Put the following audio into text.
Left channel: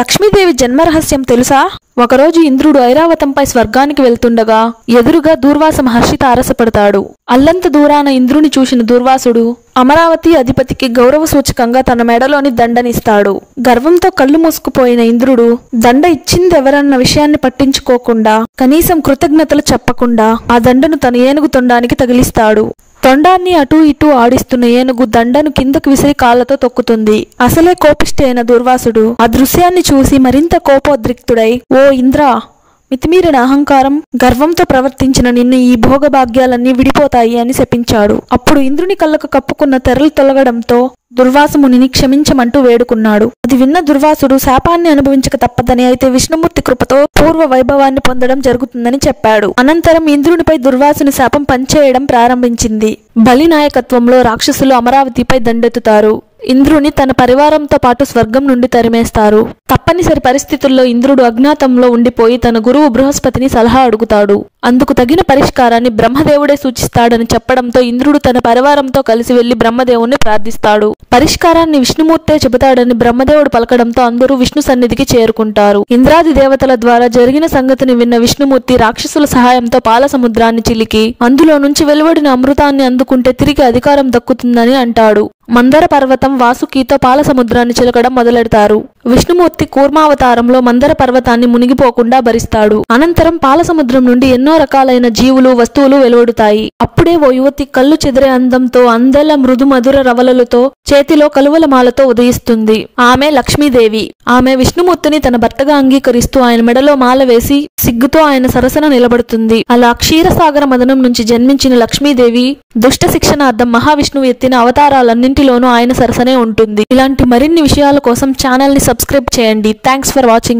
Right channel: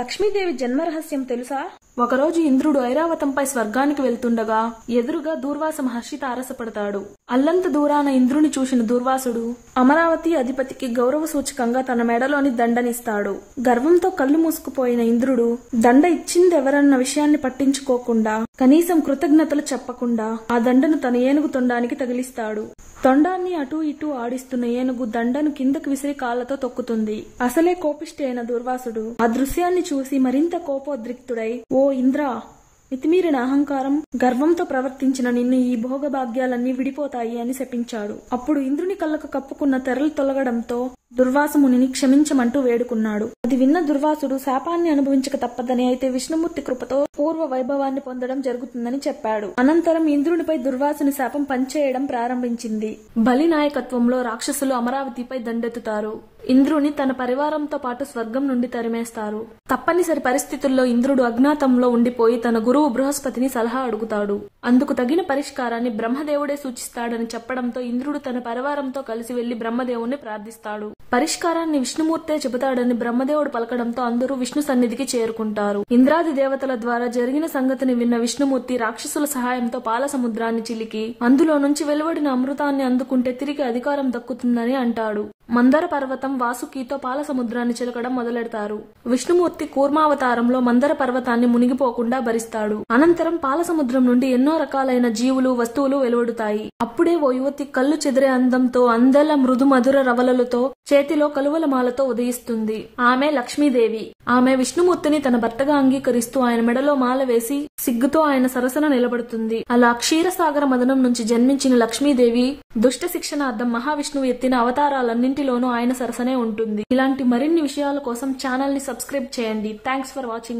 లక్ష్మీదేవి జన్మరహస్యం తెలుసా? ఒకరోజు ఇంద్రుడు ఐరావతంపై స్వర్గానికి వెళ్తుండగా ఎదురుగా దూర్వాస మహర్షి తారసపడతాడు. అల్లంత దూరాన ఇంద్రుని చూసిన దూర్వాసుడు అమరావతి అధిపతికి గౌరవ సూచకంగా తన మెడలోని దండనిస్తాడు. గర్వంతో కళ్ళు మూసుకుపోయిన ఇంద్రుడు దండ ఇచ్చిందెవరన్న విషయాన్ని పట్టించుకోకుండా, కనీసం కృతజ్ఞతలు చెప్పకుండా ఆ దండను తన ఏనుగు తొండానికి తగిలిస్తాడు. తొండాన్ని అటూ ఇటూ ఆడిస్తున్న ఏనుగు దండను కిందకు విసిరి కాళ్లతో తొక్కుతుంది. అసలే కోపిష్టి అయిన దూర్వాసుడు ఆ దృశ్యాన్ని చూసి మరింత కోపోద్రిక్తుడై, ఓ ఇంద్రా, మితిమీరిన అహంకారం, గర్వంతో ప్రవర్తించిన నిన్ను ఈ భోగభాగ్యాలన్నీ విడిపోతాయి అని శపించాడు. అప్పుడు ఇంద్రుని కళ్ళకు కప్పుకున్న తెరలు తొలగడంతో దుర్వాసమునిని క్షమించమంటూ వేడుకున్నాడు. అది విన్న దుర్వాసుడు శాపాన్ని అనుభవించక తప్పదని, అయితే విష్ణుమూర్తి కృపతో పూర్వ వైభవాన్ని పొందడం జరుగుతుందని చెప్పాడు. అనంతరం ఇంద్రునిపై దుర్వాసుని శాపం పనిచేయడం ప్రారంభించింది. బలి నాయకత్వంలో రాక్షసులు అమరావతిపై దండెత్తుతారు. ఇంద్రుని తన పరివారంతో పాటు స్వర్గం నుండి తరిమేస్తారు. తప్పనిసరి పరిస్థితుల్లో ఇంద్రుడు అజ్ఞాతంలో ఉండిపోయి తన గురువు బృహస్పతిని సలహా అడుగుతాడు. అందుకు తగిన పరిష్కారాన్ని బ్రహ్మదేవుడే సూచిస్తాడని చెప్పడంతో ఇంద్రుడు తన పరివారంతో కలిసి వెళ్లి బ్రహ్మదేవుణ్ణి ప్రార్థిస్తాడు. పరిష్కారాన్ని విష్ణుమూర్తే చెబుతాడని బ్రహ్మదేవుడు పలకడంతో అందరూ విష్ణు సన్నిధికి చేరుకుంటారు. ఇంద్రాది దేవతల ద్వారా జరిగిన సంగతిని విన్న విష్ణుమూర్తి రాక్షసుల సహాయంతో పాల సముద్రాన్ని చిలికి అందులో నుంచి వెలువడిన అమృతాన్ని అందుకుంటే తిరిగి అధికారం దక్కుతుందని అంటాడు. మందర పర్వతం వాసుకితో పాల సముద్రాన్ని చిలకడం మొదలెడతారు. విష్ణుమూర్తి కూర్మావతారంలో మందర పర్వతాన్ని మునిగిపోకుండా భరిస్తాడు. అనంతరం పాల సముద్రం నుండి ఎన్నో రకాలైన జీవులు, వస్తువులు వెలువడుతాయి. అప్పుడే ఓ యువతి కళ్ళు చెదిరే అందంతో, అందెల మృదు మధుర రవలలతో, చేతిలో కలువల మాలతో ఉదయిస్తుంది. ఆమె లక్ష్మీదేవి. ఆమె విష్ణుమూర్తిని తన భర్తగా అంగీకరిస్తూ ఆయన మెడలో మాల వేసి సిగ్గుతో ఆయన సరసన నిలబడుతుంది. అలా క్షీరసాగర మదనం నుంచి జన్మించిన లక్ష్మీదేవి దుష్ట శిక్షణార్థం మహావిష్ణువు ఎత్తిన అవతారాలన్నింటిలోనూ ఆయన సరసనే ఉంటుంది. ఇలాంటి మరిన్ని విషయాల కోసం ఛానల్ ని సబ్స్క్రైబ్ చేయండి. Thanks for watching.